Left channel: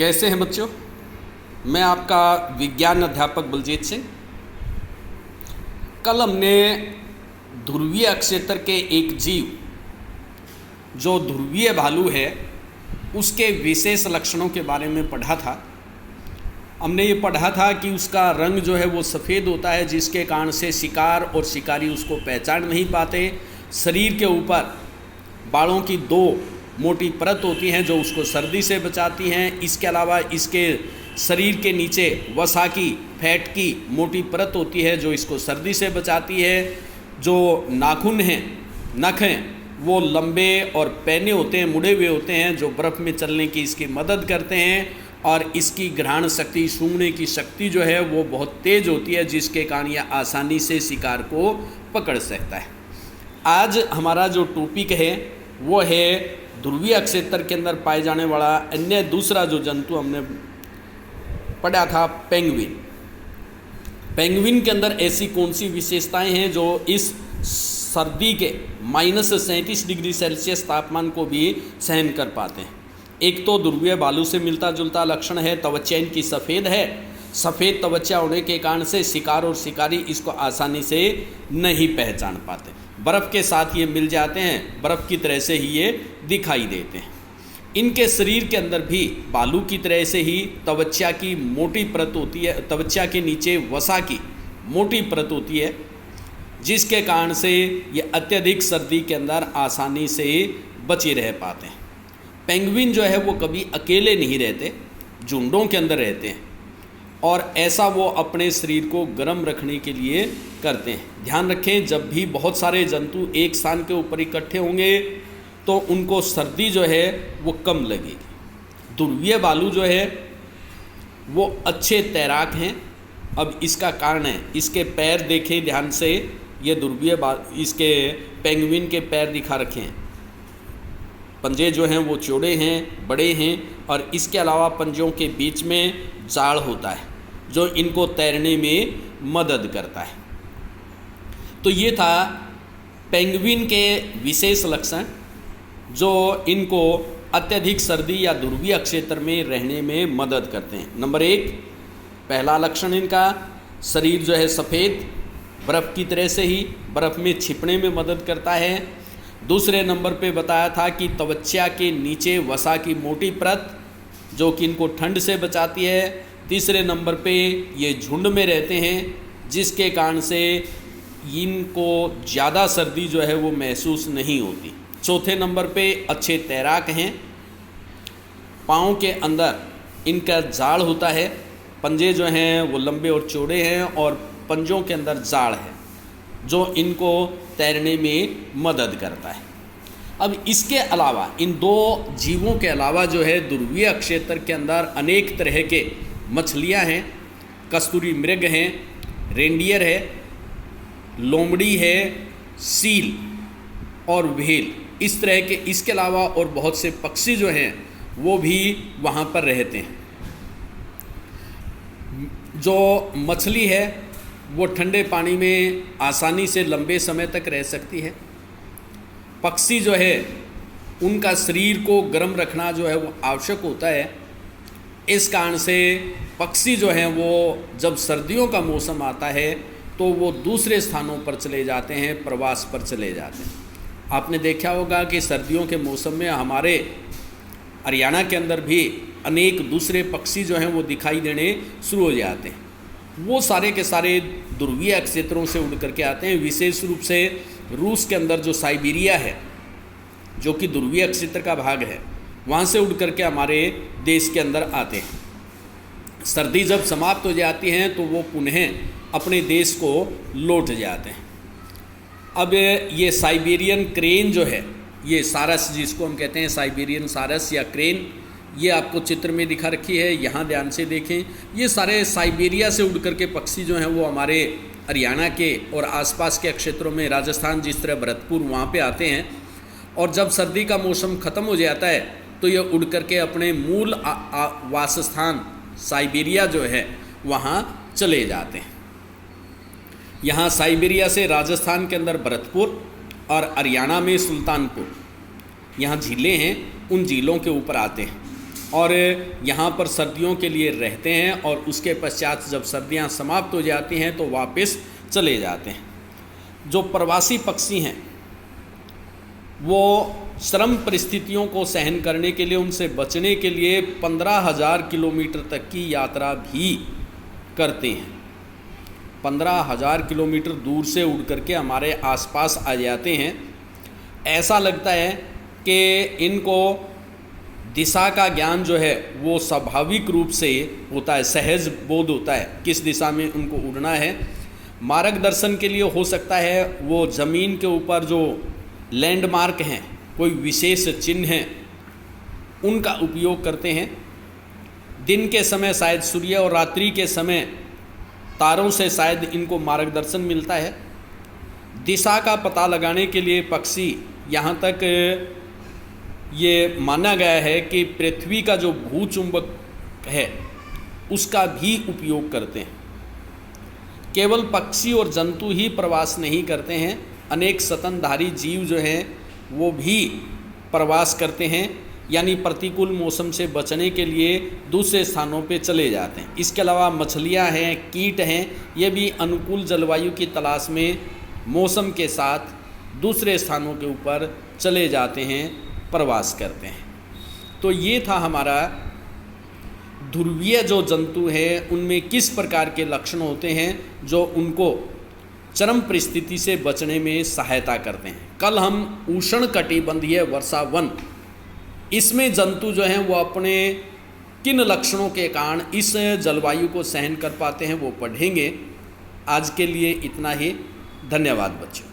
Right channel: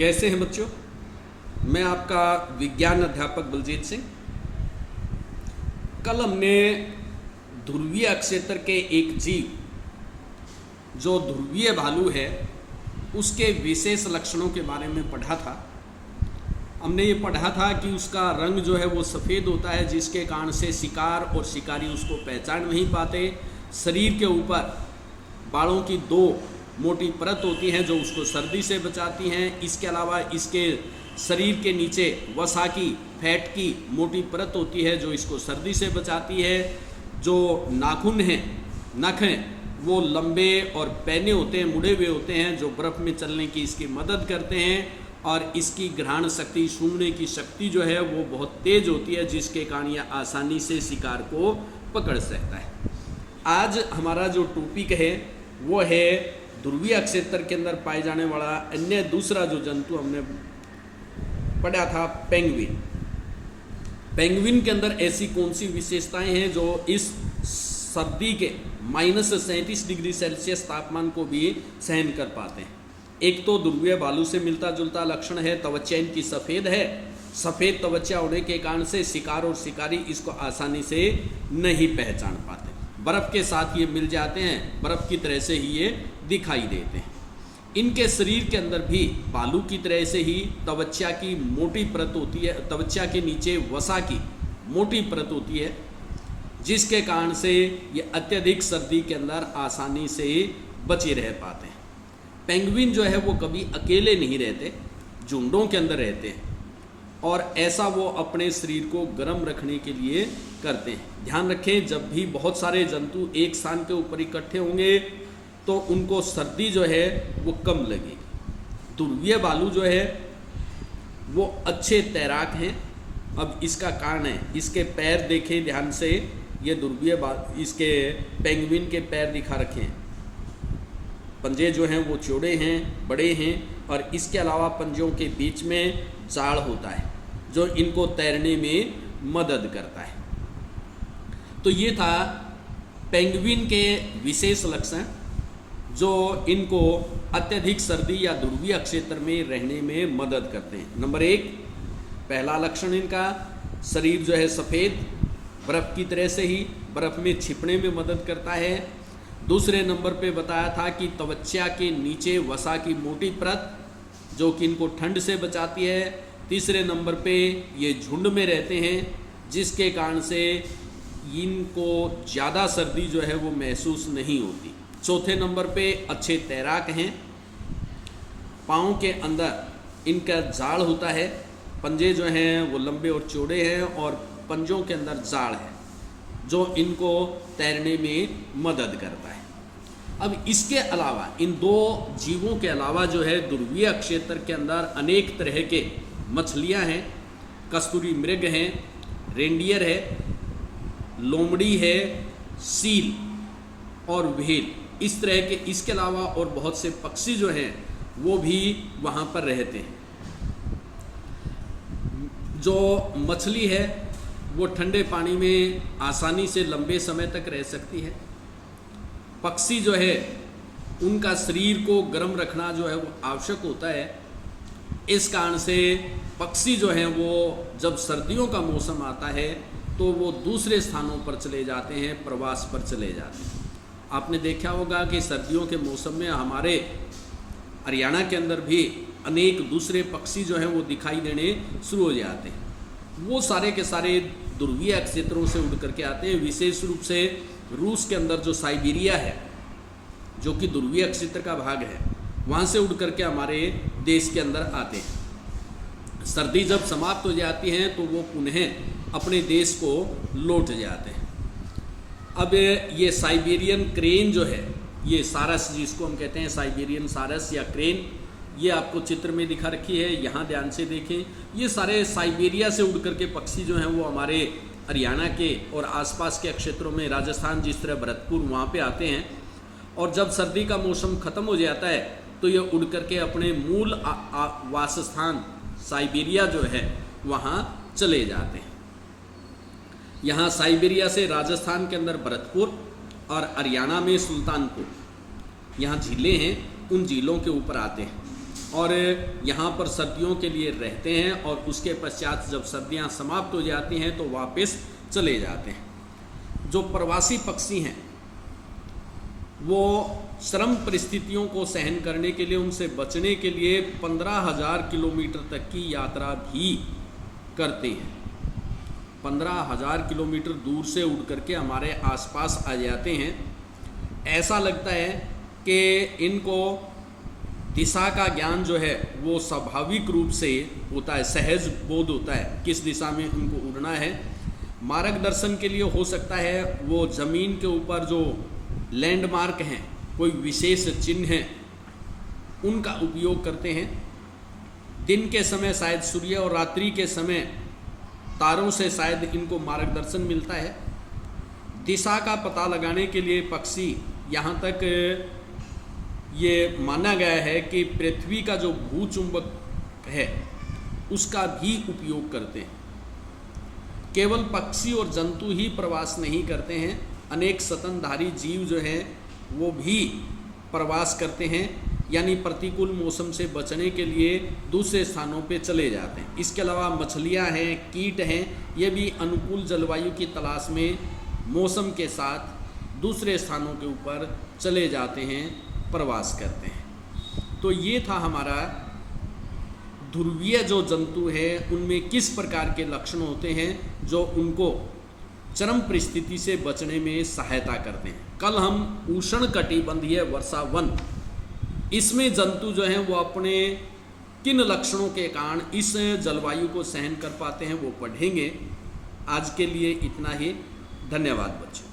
कैसे हैं बच्चों। मैं आपका विज्ञान अध्यापक बलजीत सिंह। कल हमने ध्रुवीय अक्षेत्र के एक जीव जो ध्रुवीय भालू है उसके विशेष लक्षणों के बारे में पढ़ा था। हमने ये पढ़ा था कि उसका रंग जो है वो सफ़ेद होता है, जिसके कारण से शिकार और शिकारी उसको पहचान नहीं पाते। शरीर के ऊपर बालों की दो मोटी परत होती हैं जो उसको सर्दी से बचाती हैं। इसके अलावा इसके शरीर के नीचे वसा की फैट की मोटी परत होती है जो इसको सर्दी से बचाती है। जो नाखून हैं, नख हैं, वो लंबे और पैने होते हैं, मुड़े हुए होते हैं, जो बर्फ़ में चलने की इसकी मदद करते हैं। और इसकी घ्राण शक्ति, सूंघने की शक्ति जो है वो बहुत तेज़ होती है, जिसके कारण यह आसानी से शिकार को पकड़ सकता है। आज हमारा जो टॉपिक है वो है ध्रुवीय अक्षेत्र के अंदर पाए जाने वाला अन्य दूसरा जो जंतु हमने पढ़ा था, पेंगुइन। पेंगुइन के अंदर ऐसी कौन सी विशेषताएं हैं जो इस सर्दी के -37 डिग्री सेल्सियस तापमान को भी सहन कर पाते हैं। एक तो ध्रुवीय भालू से मिलता जुलता लक्षण है, त्वचा इनकी सफ़ेद है। सफ़ेद त्वचा होने के कारण से शिकार और शिकारी इसको आसानी से नहीं पहचान पाते। बर्फ़ के साथ ये मिल जाते हैं, बर्फ़ की तरह से ही ये दिखाई देते हैं। इनके शरीर के अंदर भी भालू की तरह से ही त्वचा की मोटी परत होती है, त्वचा के नीचे वसा की मोटी परत होती है, जिसके कारण से ये अत्यधिक सर्दी के अंदर आसानी से बचे रह पाते हैं। पेंगुइन जो है वो कभी अकेले नहीं रहते, झुंडों के अंदर रहते हैं, और ऐसा वो अपने शरीर को गर्म रखने के लिए करते हैं। ध्यान रखें, जब भी बहुत सारे जंतु एक स्थान के ऊपर इकट्ठे होंगे तो उनको सर्दी जो है वो कम लगेगी। ध्रुवीय भालू जो है वो अच्छे तैराक हैं। अब इसका कारण है, इसके पैर देखें ध्यान से, ये इसके पेंगुइन के पैर दिखा रखे हैं। पंजे जो हैं वो चौड़े हैं, बड़े हैं, और इसके अलावा पंजों के बीच में जाड़ होता है जो इनको तैरने में मदद करता है। तो ये था पेंगुइन के विशेष लक्षण जो इनको अत्यधिक सर्दी या ध्रुवीय क्षेत्र में रहने में मदद करते हैं। नंबर 1, पहला लक्षण इनका शरीर जो है सफ़ेद, बर्फ़ की तरह से ही बर्फ़ में छिपने में मदद करता है। दूसरे नंबर पे बताया था कि त्वचा के नीचे वसा की मोटी परत जो कि इनको ठंड से बचाती है। तीसरे नंबर पे ये झुंड में रहते हैं, जिसके कारण से इनको ज़्यादा सर्दी जो है वो महसूस नहीं होती। चौथे नंबर पे अच्छे तैराक हैं। पाँव के अंदर इनका जाड़ होता है, पंजे जो हैं वो लंबे और चौड़े हैं, और पंजों के अंदर जाड़ है जो इनको तैरने में मदद करता है। अब इसके अलावा, इन दो जीवों के अलावा जो है ध्रुवीय क्षेत्र के अंदर अनेक तरह के मछलियां हैं। कस्तूरी मृग हैं, रेंडियर है, लोमड़ी है, सील और व्हेल, इस तरह के। इसके अलावा और बहुत से पक्षी जो हैं वो भी वहाँ पर रहते हैं। जो मछली है वो ठंडे पानी में आसानी से लंबे समय तक रह सकती है। पक्षी जो है उनका शरीर को गर्म रखना जो है वो आवश्यक होता है। इस कारण से पक्षी जो हैं वो जब सर्दियों का मौसम आता है तो वो दूसरे स्थानों पर चले जाते हैं, प्रवास पर चले जाते हैं। आपने देखा होगा कि सर्दियों के मौसम में हमारे हरियाणा के अंदर भी अनेक दूसरे पक्षी जो हैं वो दिखाई देने शुरू हो जाते हैं। वो सारे के सारे ध्रुवीय क्षेत्रों से उड़ करके आते हैं। विशेष रूप से रूस के अंदर जो साइबेरिया है, जो कि ध्रुवीय क्षेत्र का भाग है, वहाँ से उड़ करके हमारे देश के अंदर आते हैं। सर्दी जब समाप्त हो जाती हैं तो वो पुनः अपने देश को लौट जाते हैं। अब ये साइबेरियन क्रेन जो है, ये सारस जिसको हम कहते हैं, साइबेरियन सारस या क्रेन, ये आपको चित्र में दिखा रखी है, यहाँ ध्यान से देखें। ये सारे साइबेरिया से उड़ करके पक्षी जो हैं वो हमारे हरियाणा के और आसपास के क्षेत्रों में, राजस्थान जिस तरह भरतपुर, वहाँ पे आते हैं। और जब सर्दी का मौसम ख़त्म हो जाता है तो ये उड़ करके अपने मूल वासस्थान साइबेरिया जो है वहाँ चले जाते हैं। यहाँ साइबेरिया से राजस्थान के अंदर भरतपुर और हरियाणा में सुल्तानपुर, यहाँ झीलें हैं, उन झीलों के ऊपर आते हैं। और यहाँ पर सर्दियों के लिए रहते हैं और उसके पश्चात जब सर्दियाँ समाप्त हो जाती हैं तो वापस चले जाते हैं। जो प्रवासी पक्षी हैं वो श्रम परिस्थितियों को सहन करने के लिए, उनसे बचने के लिए 15,000 किलोमीटर तक की यात्रा भी करते हैं। 15,000 किलोमीटर दूर से उड़ करके हमारे आसपास आ जाते हैं। ऐसा लगता है कि इनको दिशा का ज्ञान जो है वो स्वाभाविक रूप से होता है, सहज बोध होता है किस दिशा में उनको उड़ना है। मार्गदर्शन के लिए हो सकता है वो ज़मीन के ऊपर जो लैंडमार्क हैं, कोई विशेष चिन्ह हैं, उनका उपयोग करते हैं। दिन के समय शायद सूर्य और रात्रि के समय तारों से शायद इनको मार्गदर्शन मिलता है। दिशा का पता लगाने के लिए पक्षी, यहाँ तक ये माना गया है कि पृथ्वी का जो भूचुंबक है उसका भी उपयोग करते हैं। केवल पक्षी और जंतु ही प्रवास नहीं करते हैं, अनेक स्तनधारी जीव जो हैं वो भी प्रवास करते हैं, यानी प्रतिकूल मौसम से बचने के लिए दूसरे स्थानों पे चले जाते हैं। इसके अलावा मछलियां हैं, कीट हैं, ये भी अनुकूल जलवायु की तलाश में मौसम के साथ दूसरे स्थानों के ऊपर चले जाते हैं, प्रवास करते हैं। तो ये था हमारा ध्रुवीय जो जंतु हैं उनमें किस प्रकार के लक्षण होते हैं जो उनको चरम परिस्थिति से बचने में सहायता करते हैं। कल हम उष्णकटिबंधीय वर्षा वन, इसमें जंतु जो हैं वो अपने किन लक्षणों के कारण इस जलवायु को सहन कर पाते हैं वो पढ़ेंगे। आज के लिए इतना ही। धन्यवाद बच्चों।